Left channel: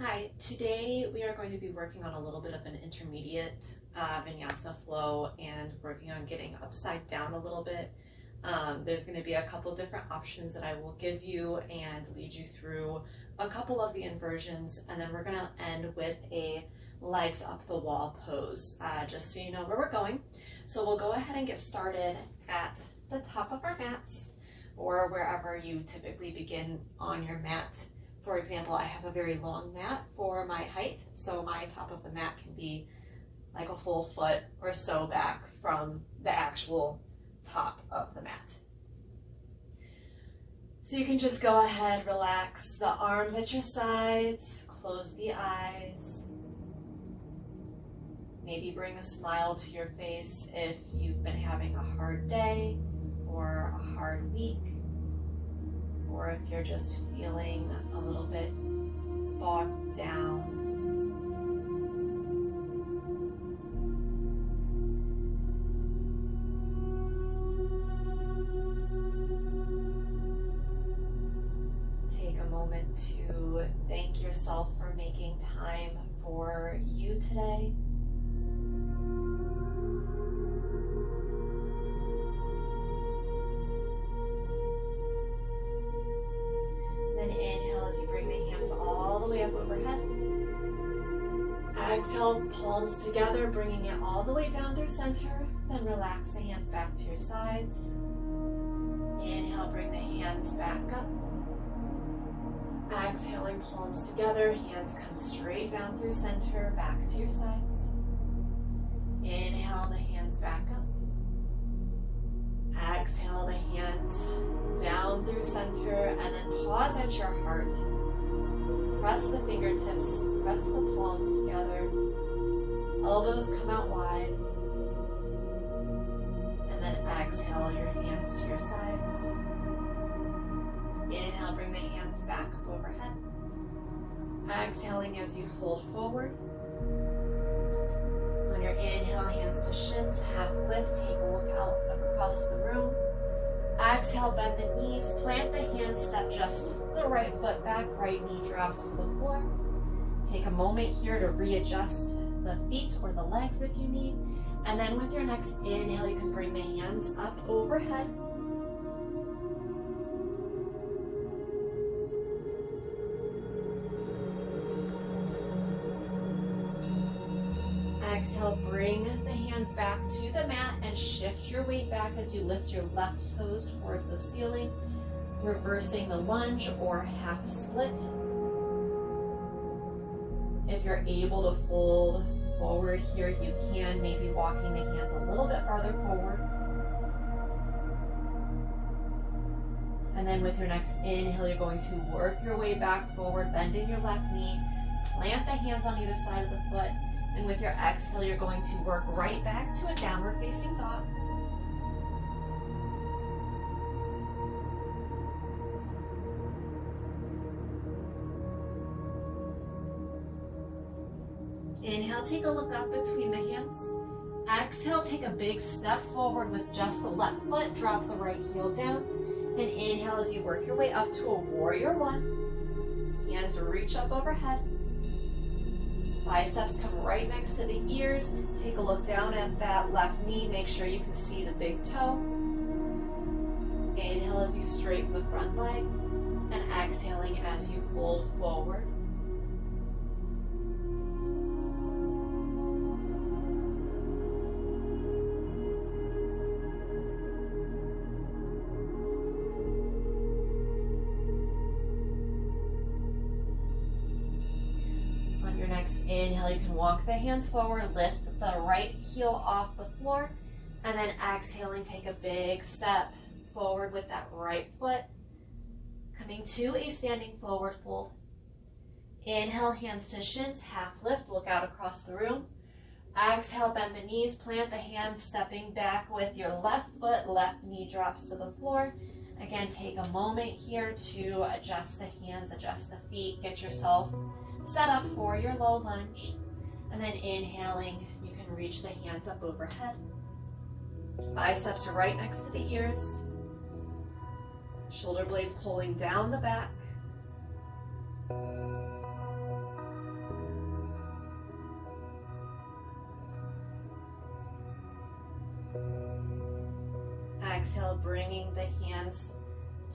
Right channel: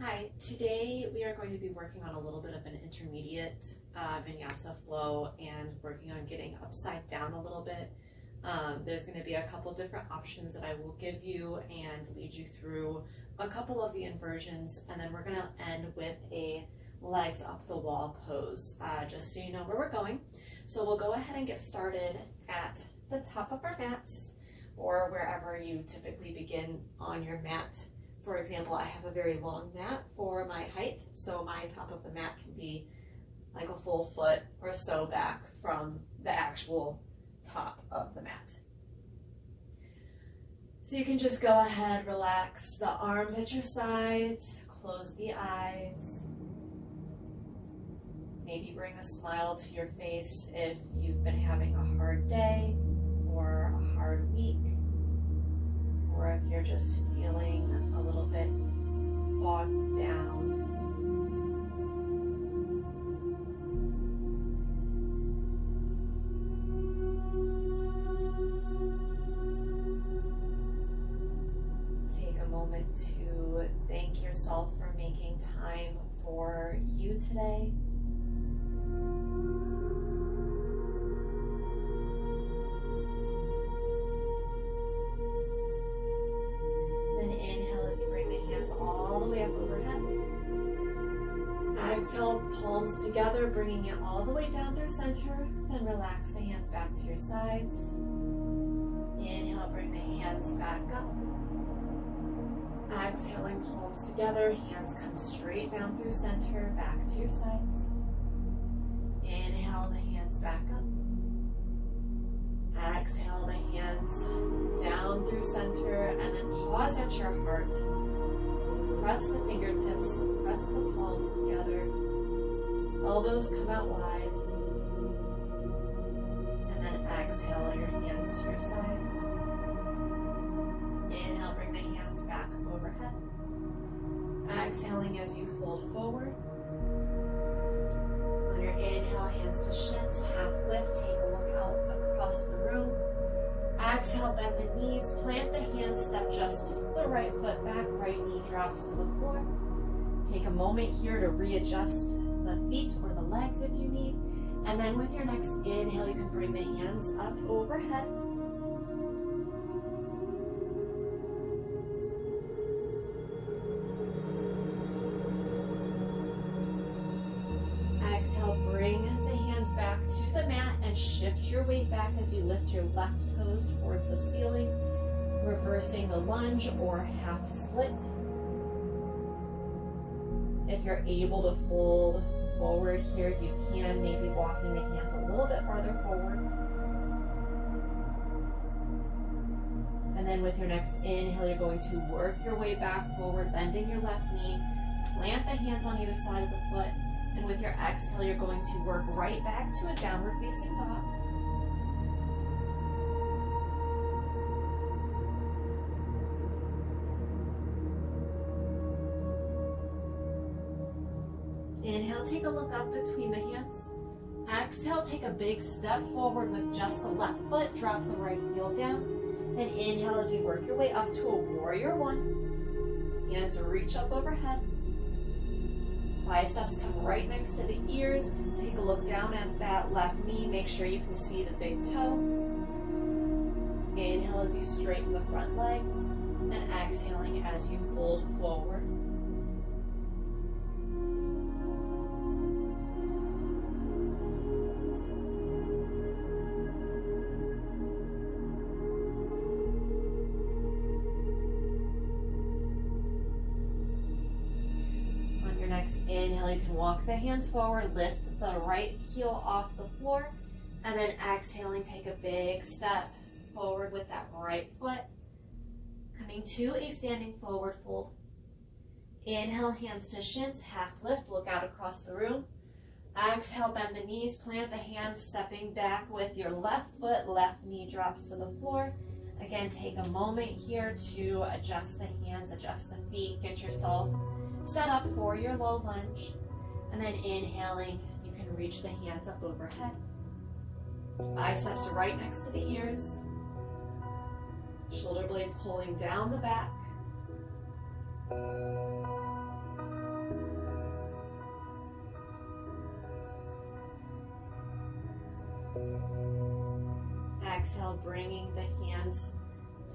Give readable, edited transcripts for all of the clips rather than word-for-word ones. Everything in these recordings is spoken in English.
Hi, today we are going to be working on a little bit of an intermediate vinyasa flow and working on getting upside down a little bit. There's going to be a couple different options that I will give you and lead you through a couple of the inversions, and then we're going to end with a legs up the wall pose, just so you know where we're going. So we'll go ahead and get started at the top of our mats or wherever you typically begin on your mat. For example, I have a very long mat for my height, so my top of the mat can be like a full foot or so back from the actual top of the mat. So you can just go ahead, relax the arms at your sides, close the eyes. Maybe bring a smile to your face if you've been having a hard day or a hard week, or if you're just feeling a little bit bogged down. Take a moment to thank yourself for making time for you today. Then inhale as you bring the hands all the way up overhead. Exhale, palms together, bringing it all the way down through center. Then relax the hands back to your sides. Inhale, bring the hands back up. Exhaling, palms together, hands come straight down through center, back to your sides. Inhale, the hands back up. Exhale the hands down through center, and then pause at your heart. Press the fingertips, press the palms together. Elbows come out wide. And then exhale your hands to your sides. Inhale, bring the hands back up overhead. Exhaling as you fold forward. On your inhale, hands to shins, half lift, take a look out across the room. Exhale, bend the knees, plant the hands, step just the right foot back, right knee drops to the floor. Take a moment here to readjust the feet or the legs if you need. And then with your next inhale, you can bring the hands up overhead. Exhale, bring the hands back to the mat and shift your weight back as you lift your left toes towards the ceiling, reversing the lunge or half split. If you're able to fold forward here, you can, maybe walking the hands a little bit farther forward. And then with your next inhale, you're going to work your way back forward, bending your left knee, plant the hands on either side of the foot. And with your exhale, you're going to work right back to a downward facing dog. Inhale, take a look up between the hands. Exhale, take a big step forward with just the left foot. Drop the right heel down. And inhale as you work your way up to a warrior one. Hands reach up overhead. Biceps come right next to the ears. Take a look down at that left knee. Make sure you can see the big toe. Inhale as you straighten the front leg. And exhaling as you fold forward. Next inhale, you can walk the hands forward, lift the right heel off the floor, and then exhaling, take a big step forward with that right foot, coming to a standing forward fold. Inhale, hands to shins, half lift, look out across the room. Exhale, bend the knees, plant the hands, stepping back with your left foot, left knee drops to the floor. Again, take a moment here to adjust the hands, adjust the feet, get yourself set up for your low lunge. And then inhaling, you can reach the hands up overhead. Biceps are right next to the ears. Shoulder blades pulling down the back. exhale, bringing the hands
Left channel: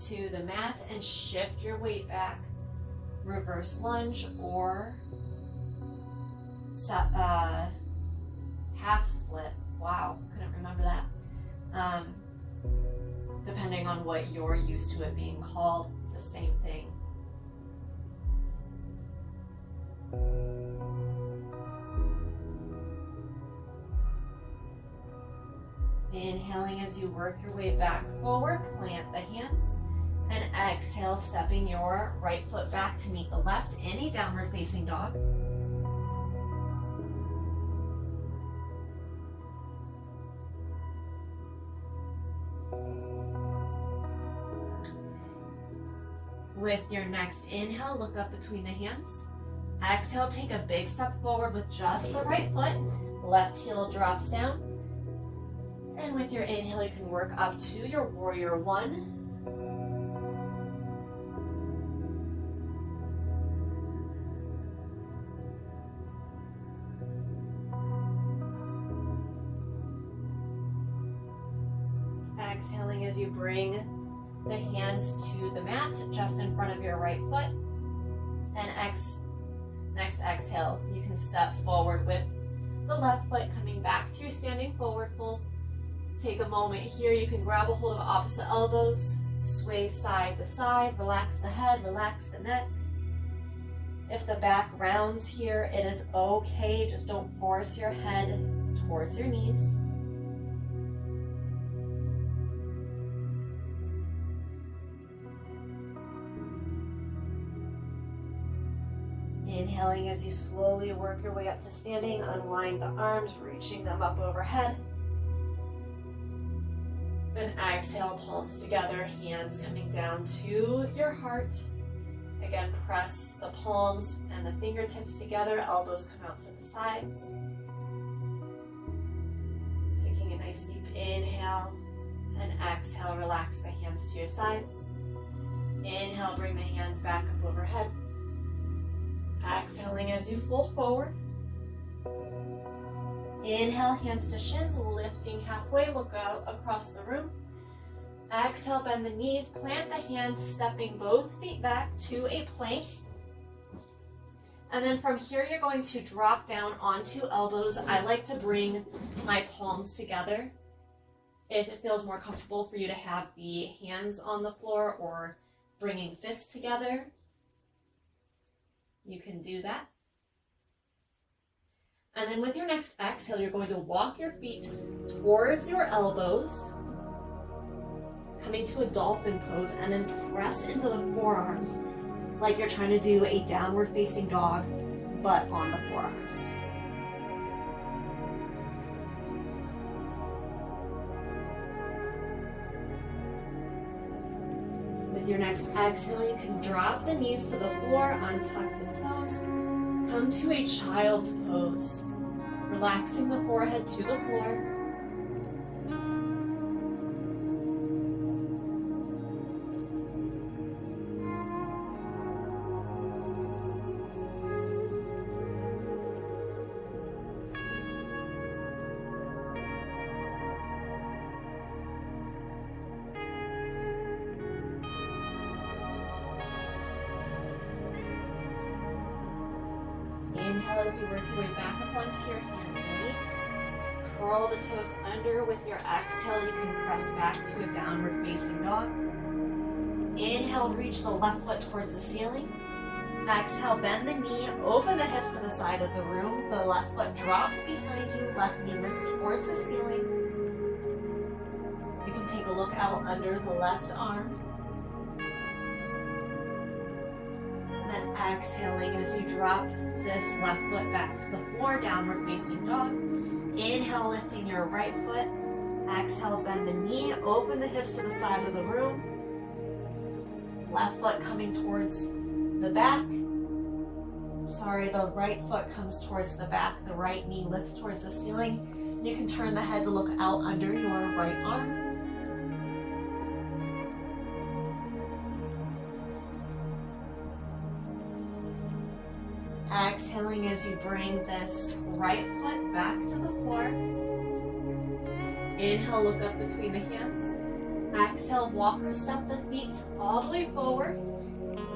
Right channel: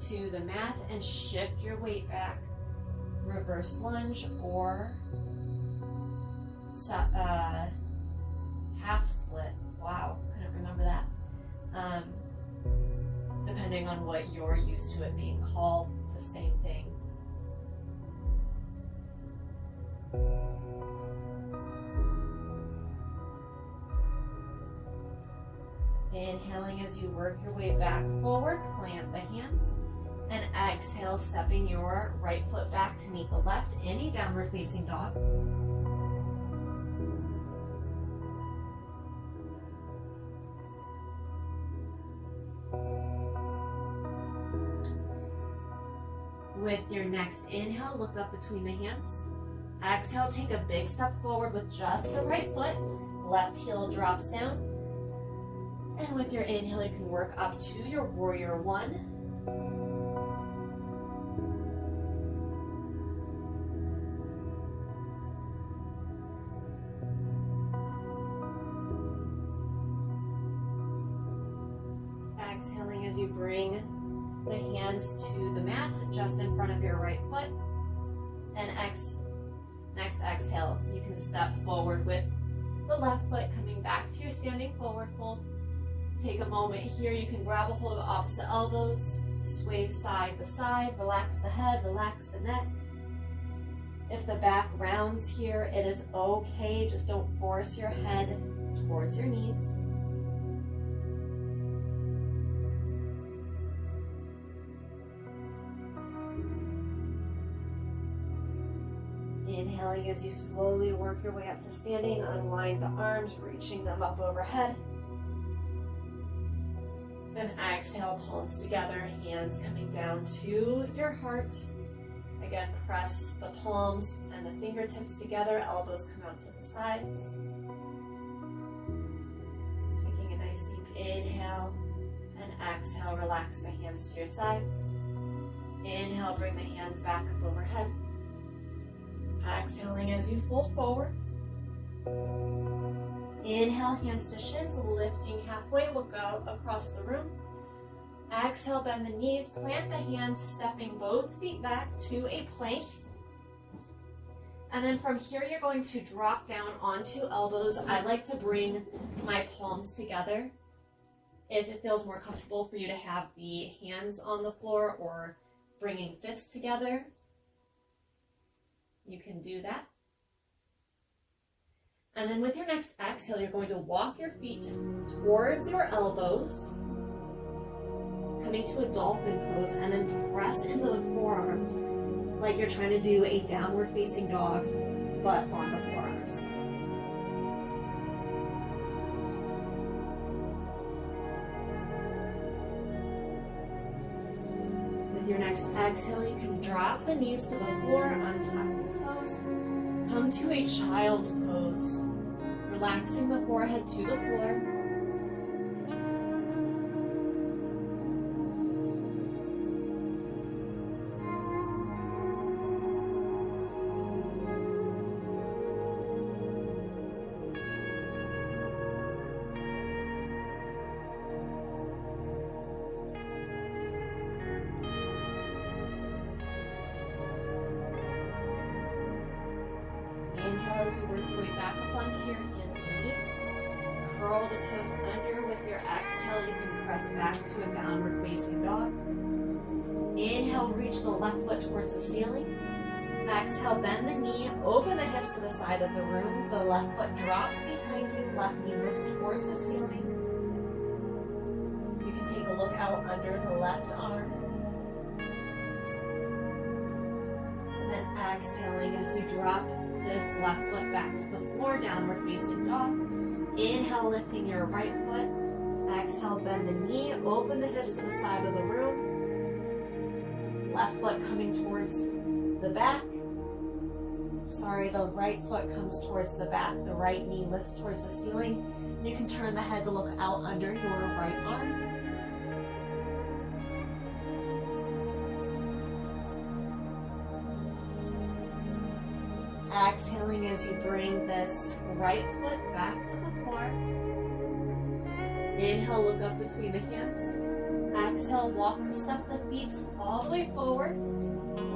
to the mat and shift your weight back. Reverse lunge or half split. Wow, couldn't remember that. Depending on what you're used to it being called, it's the same thing. Inhaling as you work your way back forward, plant the hands, and exhale, stepping your right foot back to meet the left in a downward facing dog. With your next inhale, look up between the hands. Exhale, take a big step forward with just the right foot. Left heel drops down. And with your inhale, you can work up to your warrior one. Exhaling as you bring the hands to the mat just in front of your right foot. And next exhale, you can step forward with the left foot coming back to your standing forward fold. Take a moment here, you can grab a hold of opposite elbows, sway side to side, relax the head, relax the neck. If the back rounds here, it is okay, just don't force your head towards your knees. Inhaling as you slowly work your way up to standing, unwind the arms, reaching them up overhead. And exhale, palms together, hands coming down to your heart. Again, press the palms and the fingertips together, elbows come out to the sides. Taking a nice deep inhale and exhale, relax the hands to your sides. Inhale, bring the hands back up overhead. Exhaling as you fold forward. Inhale, hands to shins, lifting halfway, look out across the room. Exhale, bend the knees, plant the hands, stepping both feet back to a plank. And then from here, you're going to drop down onto elbows. I like to bring my palms together. If it feels more comfortable for you to have the hands on the floor or bringing fists together, you can do that. And then with your next exhale, you're going to walk your feet towards your elbows, coming to a dolphin pose, and then press into the forearms like you're trying to do a downward facing dog, but on the forearms. With your next exhale, you can drop the knees to the floor, untuck the toes, come to a child's pose, relaxing the forehead to the floor. Inhale as you work your way back up onto your hands and knees. Curl the toes under. With your exhale, you can press back to a downward facing dog. Inhale, reach the left foot towards the ceiling. Exhale, bend the knee, open the hips to the side of the room. The left foot drops behind you, left knee lifts towards the ceiling. You can take a look out under the left arm. And then exhaling as you drop this left foot back to the floor, downward facing dog. Inhale, lifting your right foot. Exhale, bend the knee, open the hips to the side of the room. Left foot coming towards the back. Sorry, the right foot comes towards the back. The right knee lifts towards the ceiling. And you can turn the head to look out under your right arm. Exhaling as you bring this right foot back to the floor. Inhale, look up between the hands. Exhale, walk or step the feet all the way forward.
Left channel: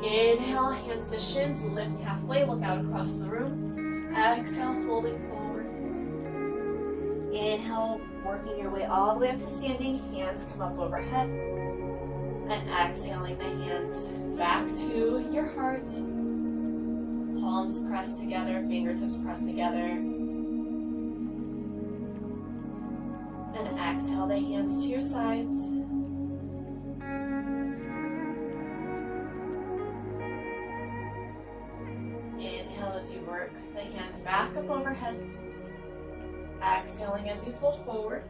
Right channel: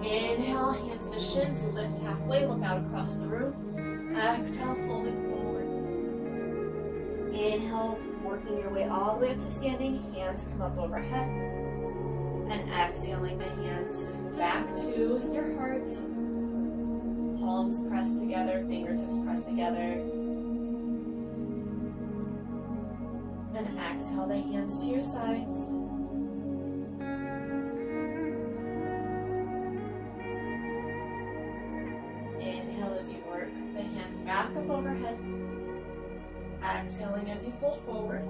Inhale, hands to shins, lift halfway, look out across the room. Exhale, folding forward. Inhale, working your way all the way up to standing, hands come up overhead. And exhaling the hands back to your heart. Palms pressed together, fingertips pressed together. And exhale the hands to your sides. Inhale as you work the hands back up overhead. Exhaling as you fold forward.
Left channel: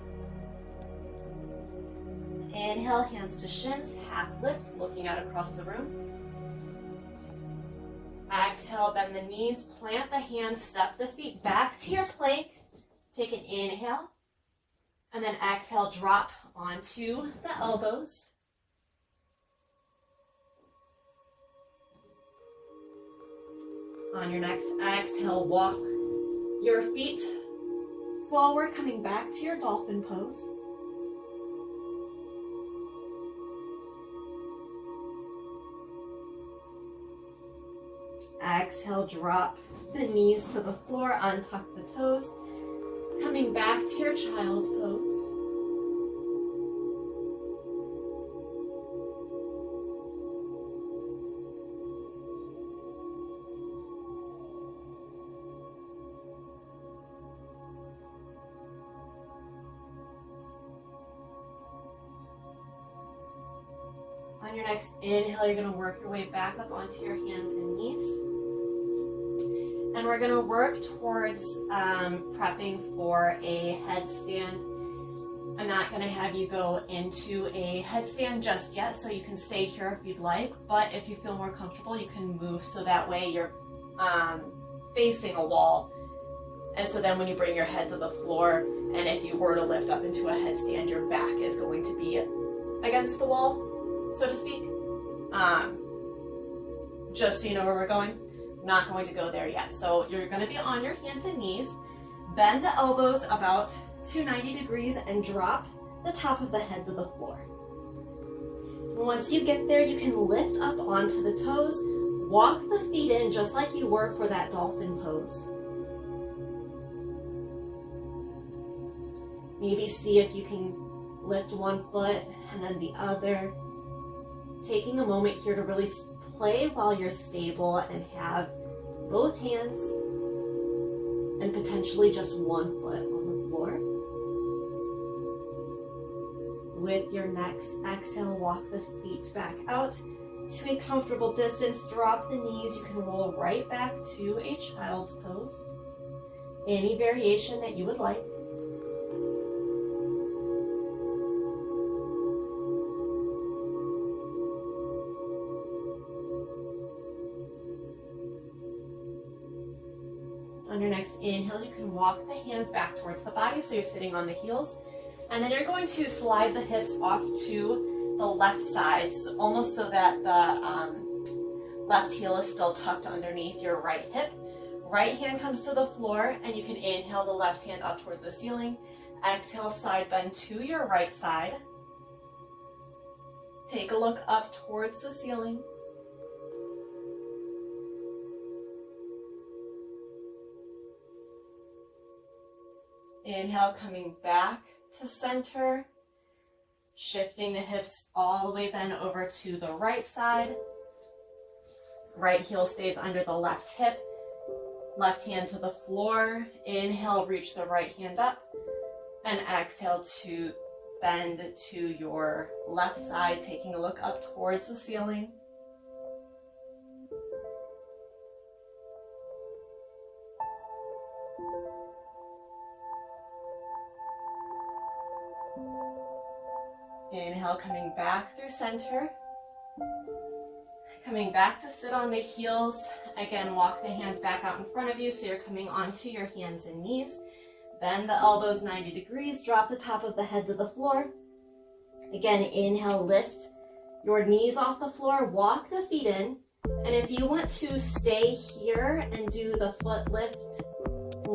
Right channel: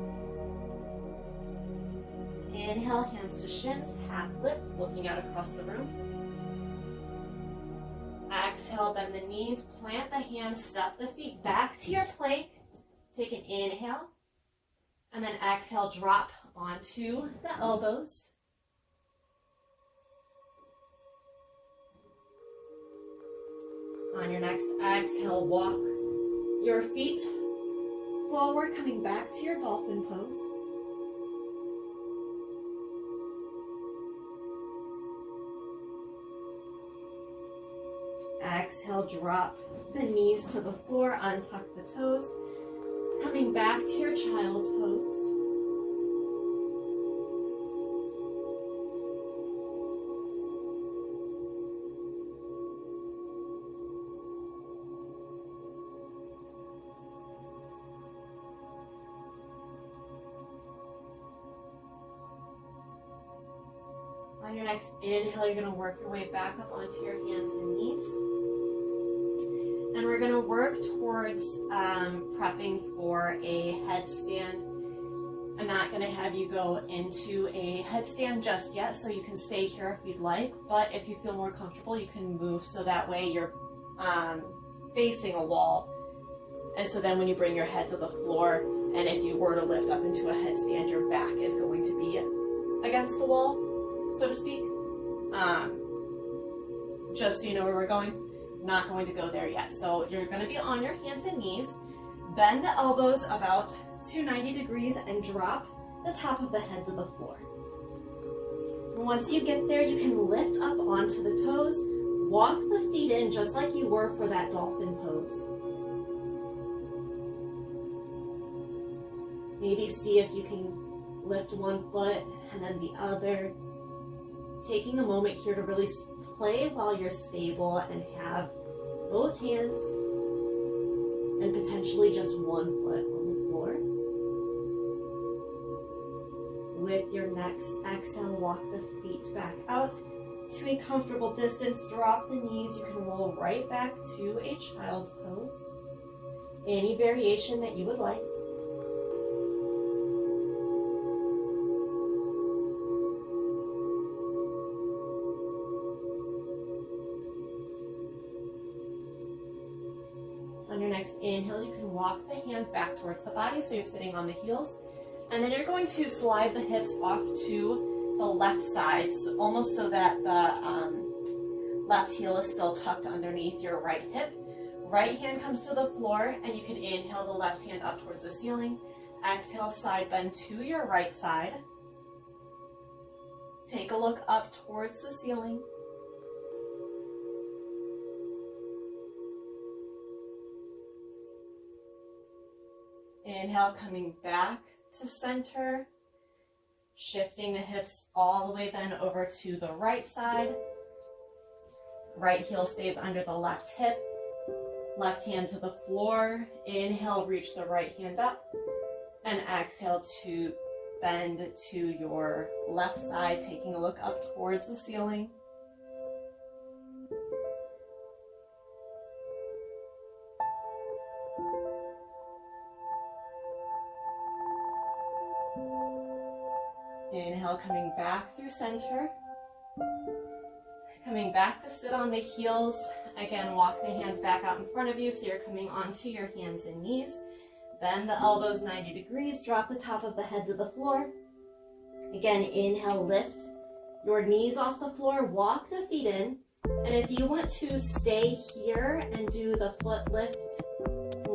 Inhale, hands to shins, half lift, looking out across the room. Exhale, bend the knees, plant the hands, step the feet back to your plank. Take an inhale, and then exhale, drop onto the elbows. On your next exhale, walk your feet forward, coming back to your dolphin pose. Exhale, drop the knees to the floor, untuck the toes, coming back to your child's pose. On your next inhale, you're going to work your way back up onto your hands and knees. And we're going to work towards prepping for a headstand. I'm not going to have you go into a headstand just yet, so you can stay here if you'd like. But if you feel more comfortable, you can move so that way you're facing a wall. And so then when you bring your head to the floor, and if you were to lift up into a headstand, your back is going to be against the wall, so to speak. Just so you know where we're going. Not going to go there yet. So you're going to be on your hands and knees. Bend the elbows about 290 degrees and drop the top of the head to the floor. Once you get there, you can lift up onto the toes. Walk the feet in just like you were for that dolphin pose. Maybe see if you can lift one foot and then the other. Taking a moment here to really play while you're stable and have both hands and potentially just one foot on the floor. With your next exhale, walk the feet back out to a comfortable distance. Drop the knees. You can roll right back to a child's pose. Any variation that you would like. On your next inhale, you can walk the hands back towards the body, so you're sitting on the heels. And then you're going to slide the hips off to the left side, so almost so that the left heel is still tucked underneath your right hip. Right hand comes to the floor, and you can inhale the left hand up towards the ceiling. Exhale, side bend to your right side. Take a look up towards the ceiling. Inhale, coming back to center, shifting the hips all the way then over to the right side. Right heel stays under the left hip, left hand to the floor. Inhale, reach the right hand up, and exhale to bend to your left side, taking a look up towards the ceiling. Inhale, coming back through center. Coming back to sit on the heels. Again, walk the hands back out in front of you so you're coming onto your hands and knees. Bend the elbows 90 degrees. Drop the top of the head to the floor. Again, inhale, lift your knees off the floor. Walk the feet in. And if you want to stay here and do the foot lift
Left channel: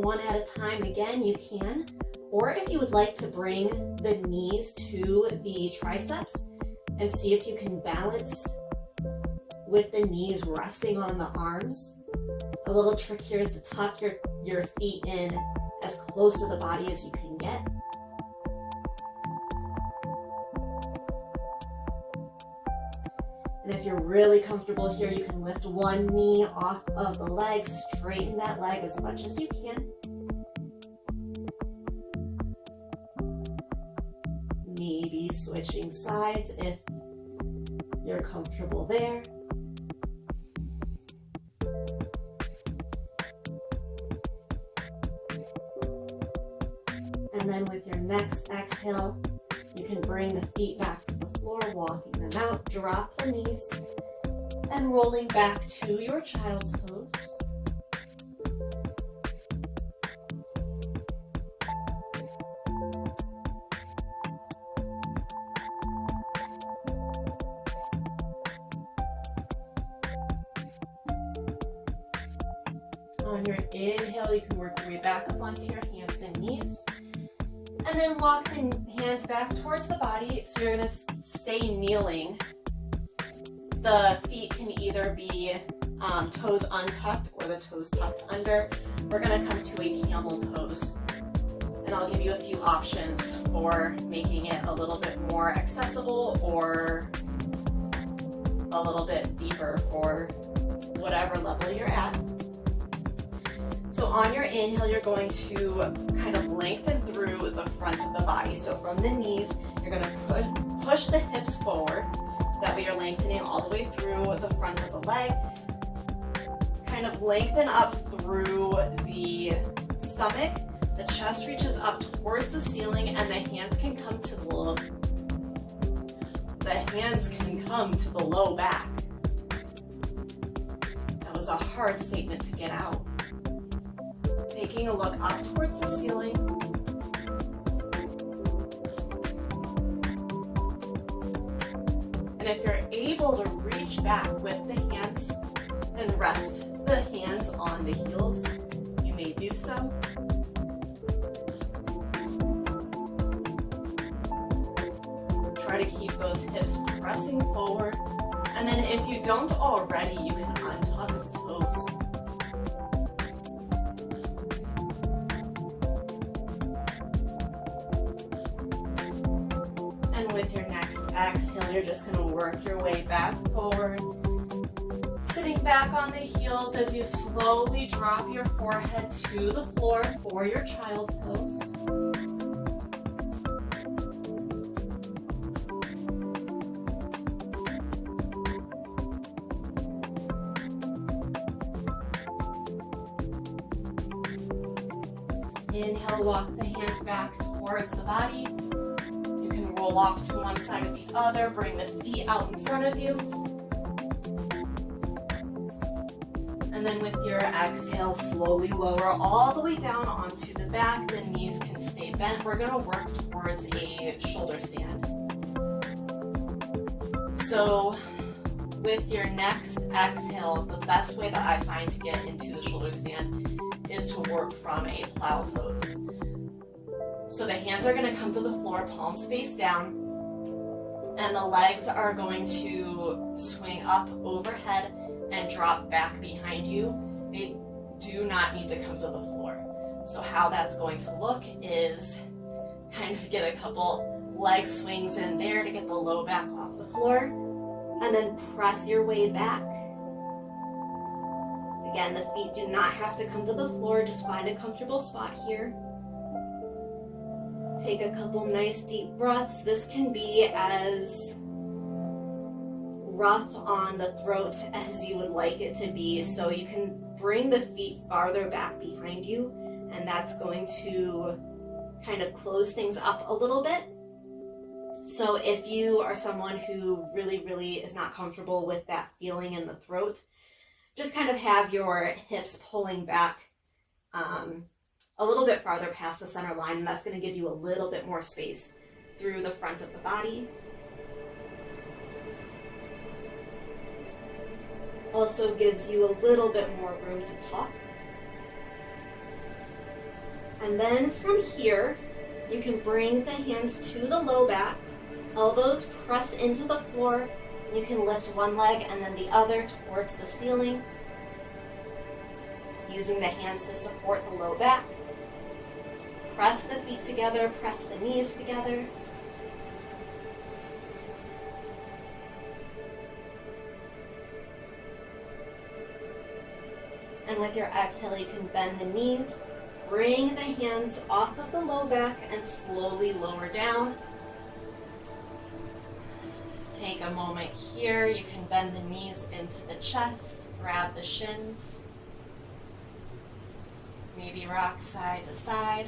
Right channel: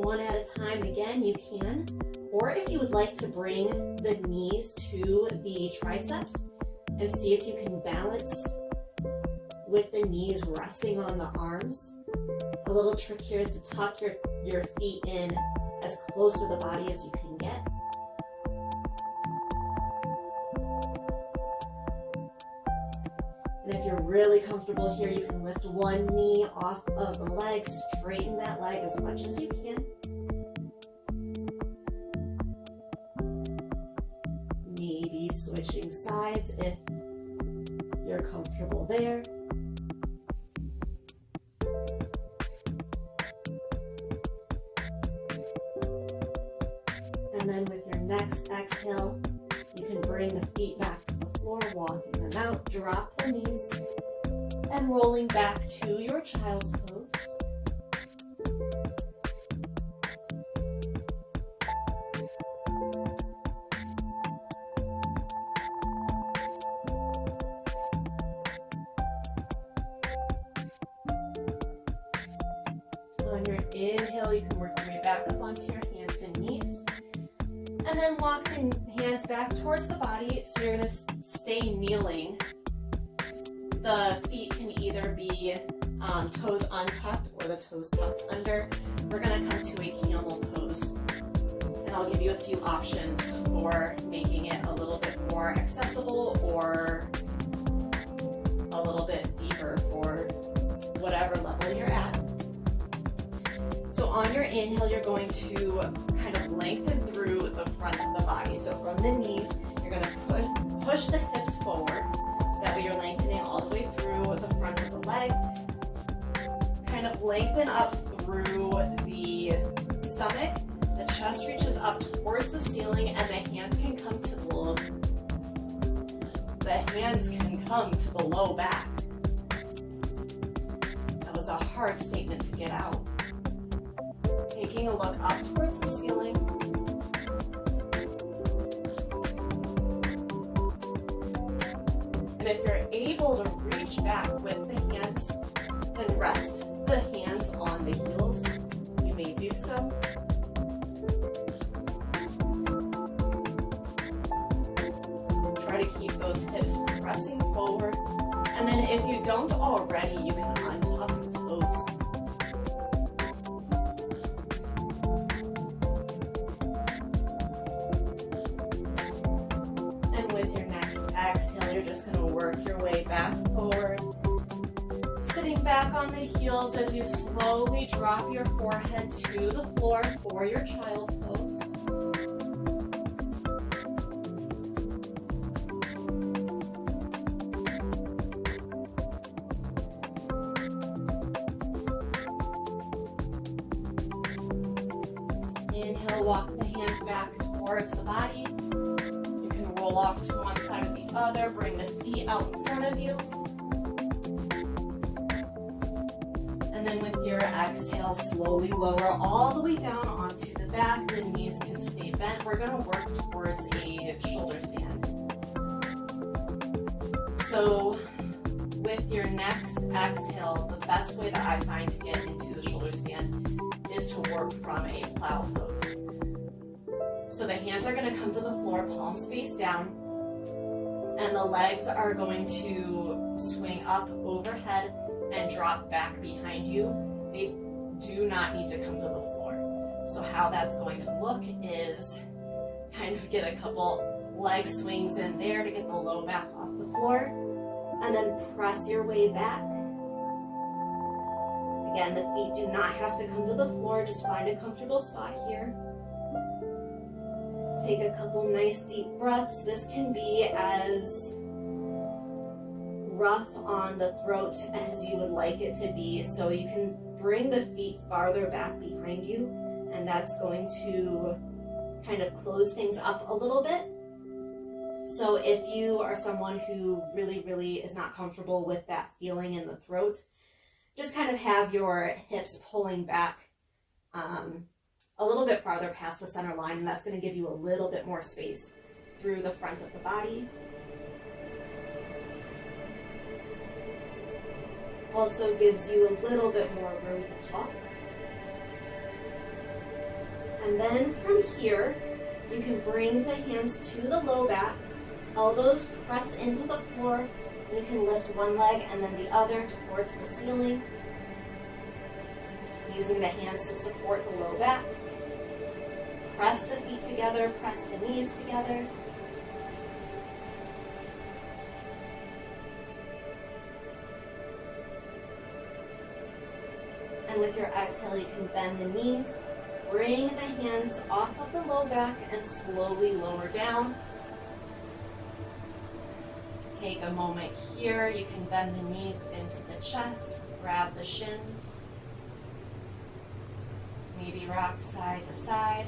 one at a time. Again, you can. Or if you would like to bring the knees to the triceps and see if you can balance with the knees resting on the arms. A little trick here is to tuck your feet in as close to the body as you can get. And if you're really comfortable here, you can lift one knee off of the leg, straighten that leg as much as you can. Maybe switching sides if you're comfortable there. And then with your next exhale, you can bring the feet back to the floor, walking them out, drop the knees, and rolling back to your child's pose. On your inhale, you can work your way back up onto your hands and knees. And then walk the hands back towards the body, so you're going to stay kneeling. The feet can either be toes untucked or the toes tucked under. We're going to come to a camel pose. And I'll give you a few options for making it a little bit more accessible or a little bit deeper for whatever level you're at. So on your inhale, you're going to kind of lengthen through the front of the body. So from the knees, you're going to push the hips forward. So that way you're lengthening all the way through the front of the leg. Kind of lengthen up through the stomach. The chest reaches up towards the ceiling, and the hands can come to the low back. That was a hard statement to get out. Taking a look up towards the ceiling. And if you're able to reach back with the hands and rest the hands on the heels, you may do so. Try to keep those hips pressing forward. And then if you don't already, you can untuck the toes. With your next exhale, you're just going to work your way back forward, sitting back on the heels as you slowly drop your forehead to the floor for your child's pose. Inhale, walk the hands back towards the body. Roll off to one side or the other, bring the feet out in front of you. And then with your exhale, slowly lower all the way down onto the back. The knees can stay bent. We're going to work towards a shoulder stand. So with your next exhale, the best way that I find to get into the shoulder stand is to work from a plow pose. So the hands are going to come to the floor, palms face down, and the legs are going to swing up overhead and drop back behind you. They do not need to come to the floor. So how that's going to look is kind of get a couple leg swings in there to get the low back off the floor, and then press your way back. Again, the feet do not have to come to the floor, just find a comfortable spot here. Take a couple nice deep breaths. This can be as rough on the throat as you would like it to be. So you can bring the feet farther back behind you, and that's going to kind of close things up a little bit. So if you are someone who really is not comfortable with that feeling in the throat, just kind of have your hips pulling back a little bit farther past the center line, and that's going to give you a little bit more space through the front of the body. Also gives you a little bit more room to talk. And then from here, you can bring the hands to the low back, elbows press into the floor. You can lift one leg and then the other towards the ceiling, using the hands to support the low back. Press the feet together, press the knees together. And with your exhale, you can bend the knees, bring the hands off of the low back and slowly lower down. Take a moment here. You can bend the knees into the chest, grab the shins. Maybe rock side to side.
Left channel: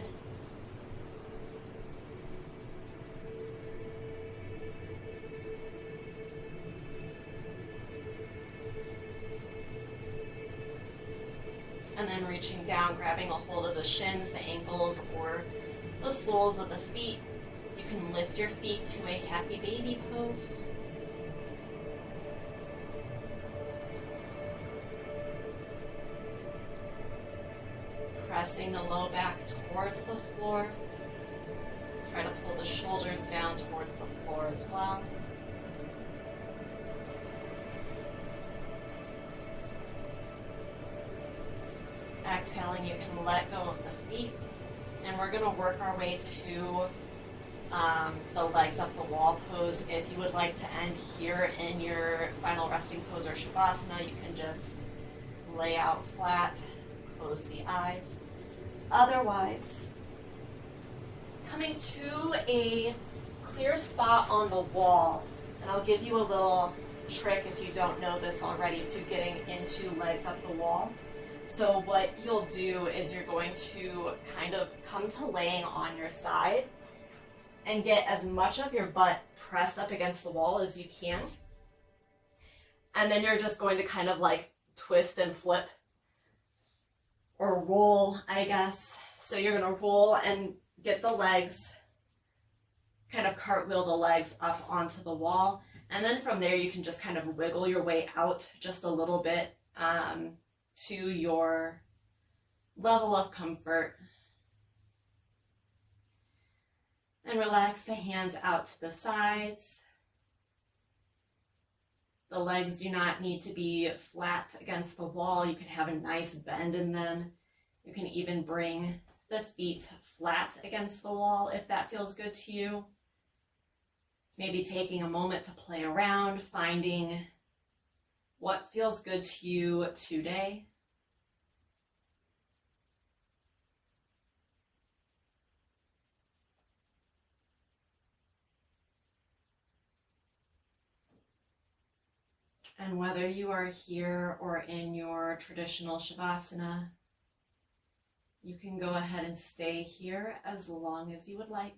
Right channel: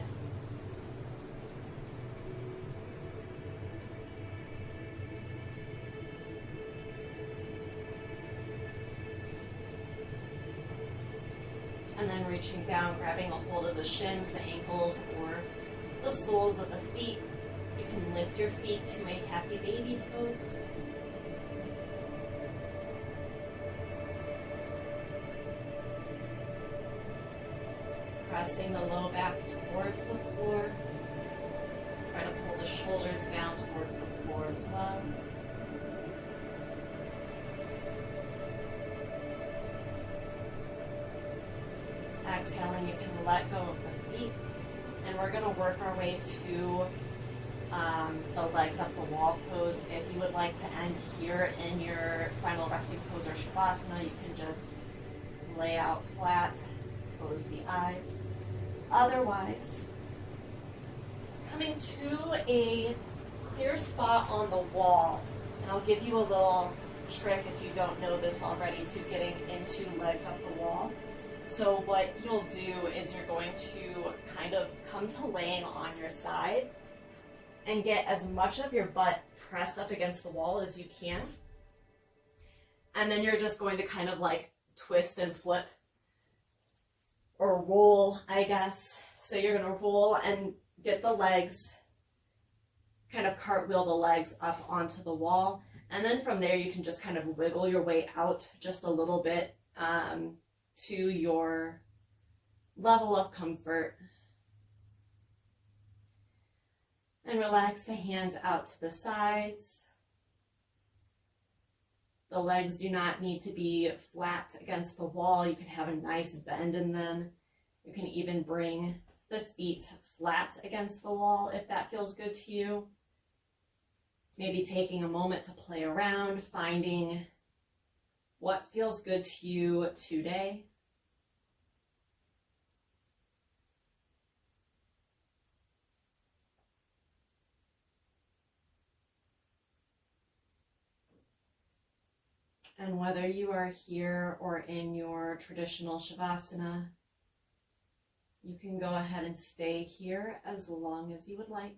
And then reaching down, grabbing a hold of the shins, the ankles, or the soles of the feet. You can lift your feet to a happy baby pose. Pressing the low back towards the floor. Try to pull the shoulders down towards the floor as well. Exhaling, you can let go of the feet, and we're going to work our way to the legs up the wall pose. If you would like to end here in your final resting pose or shavasana, you can just lay out flat, close the eyes. Otherwise, coming to a clear spot on the wall, and I'll give you a little trick if you don't know this already to getting into legs up the wall. So what you'll do is you're going to kind of come to laying on your side and get as much of your butt pressed up against the wall as you can. And then you're just going to kind of like twist and flip or roll, I guess. So you're going to roll and get the legs, kind of cartwheel the legs up onto the wall. And then from there, you can just kind of wiggle your way out just a little bit to your level of comfort. And relax the hands out to the sides. The legs do not need to be flat against the wall. You can have a nice bend in them. You can even bring the feet flat against the wall if that feels good to you. Maybe taking a moment to play around, finding what feels good to you today. And whether you are here or in your traditional shavasana, you can go ahead and stay here as long as you would like.